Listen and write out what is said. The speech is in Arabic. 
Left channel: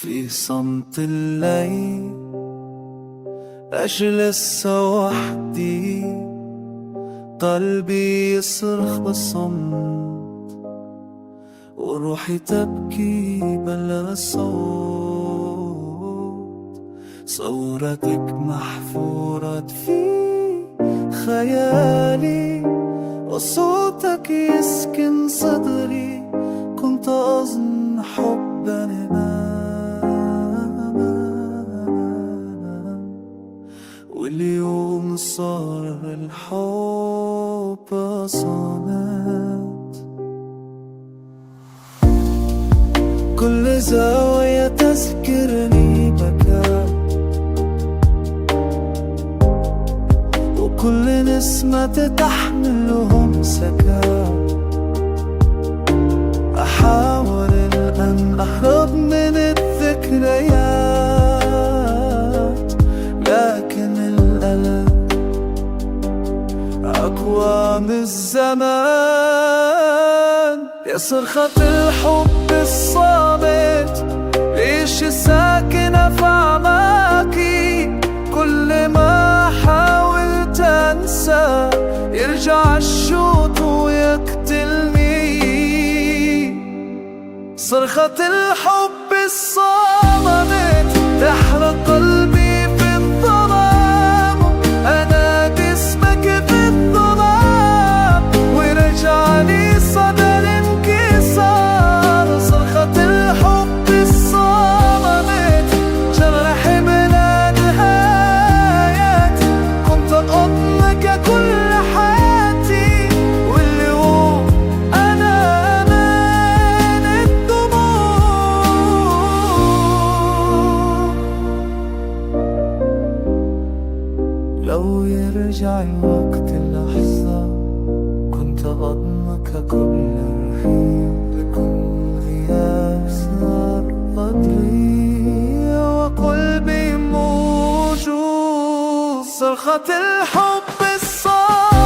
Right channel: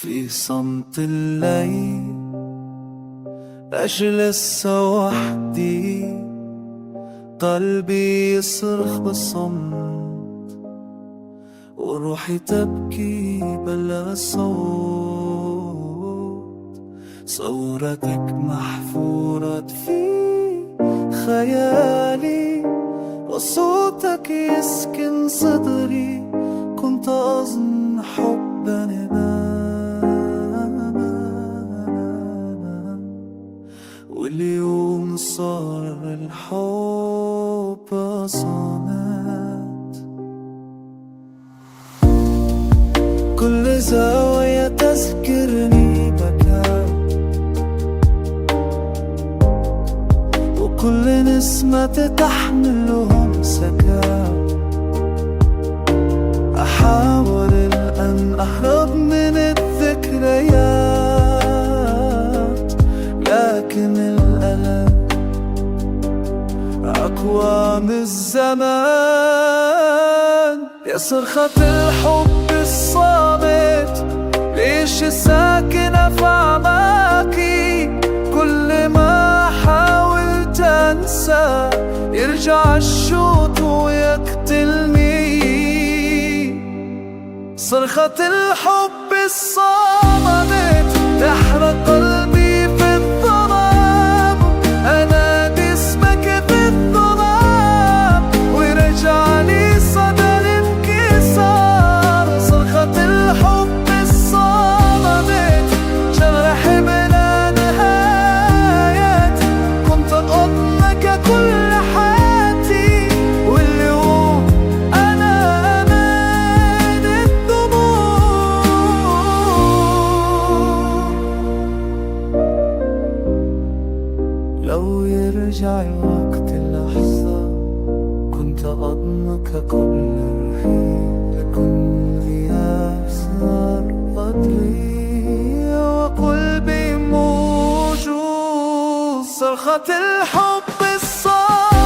في صمت الليل أجلس وحدي، قلبي يصرخ بالصمت وروحي تبكي بلا صوت. صورتك محفورة في خيالي وصوتك يسكن صدري. كنت أظن حبنا واليوم صار الحب صمت. كل زاوية تذكرني بكاء، وكل نسمة تحملهم سكاء. أحاول الآن أهرب من الذكريات، لكن الألم أقوى من الزمان. يا صرخة الحب الصامت، ليش ساكنة في أعماقي؟ كل ما حاولت أنسى يرجع الشوط ويقتلني. صرخة الحب الصامت تحرق قلبي في الظلام. أنادي اسمك في الظلام ورجعني صدى الانكسار. صرخة الحب الصامت جرح بلا نهاية. كنت أضمك كل حياتي، واليوم أنا أمان الدموع. لو يرجع وقت اللحظة كنت أضمك قبل الرحيل. لكن غياب صار قدري وقلبي موجود. صرخة الحب الصار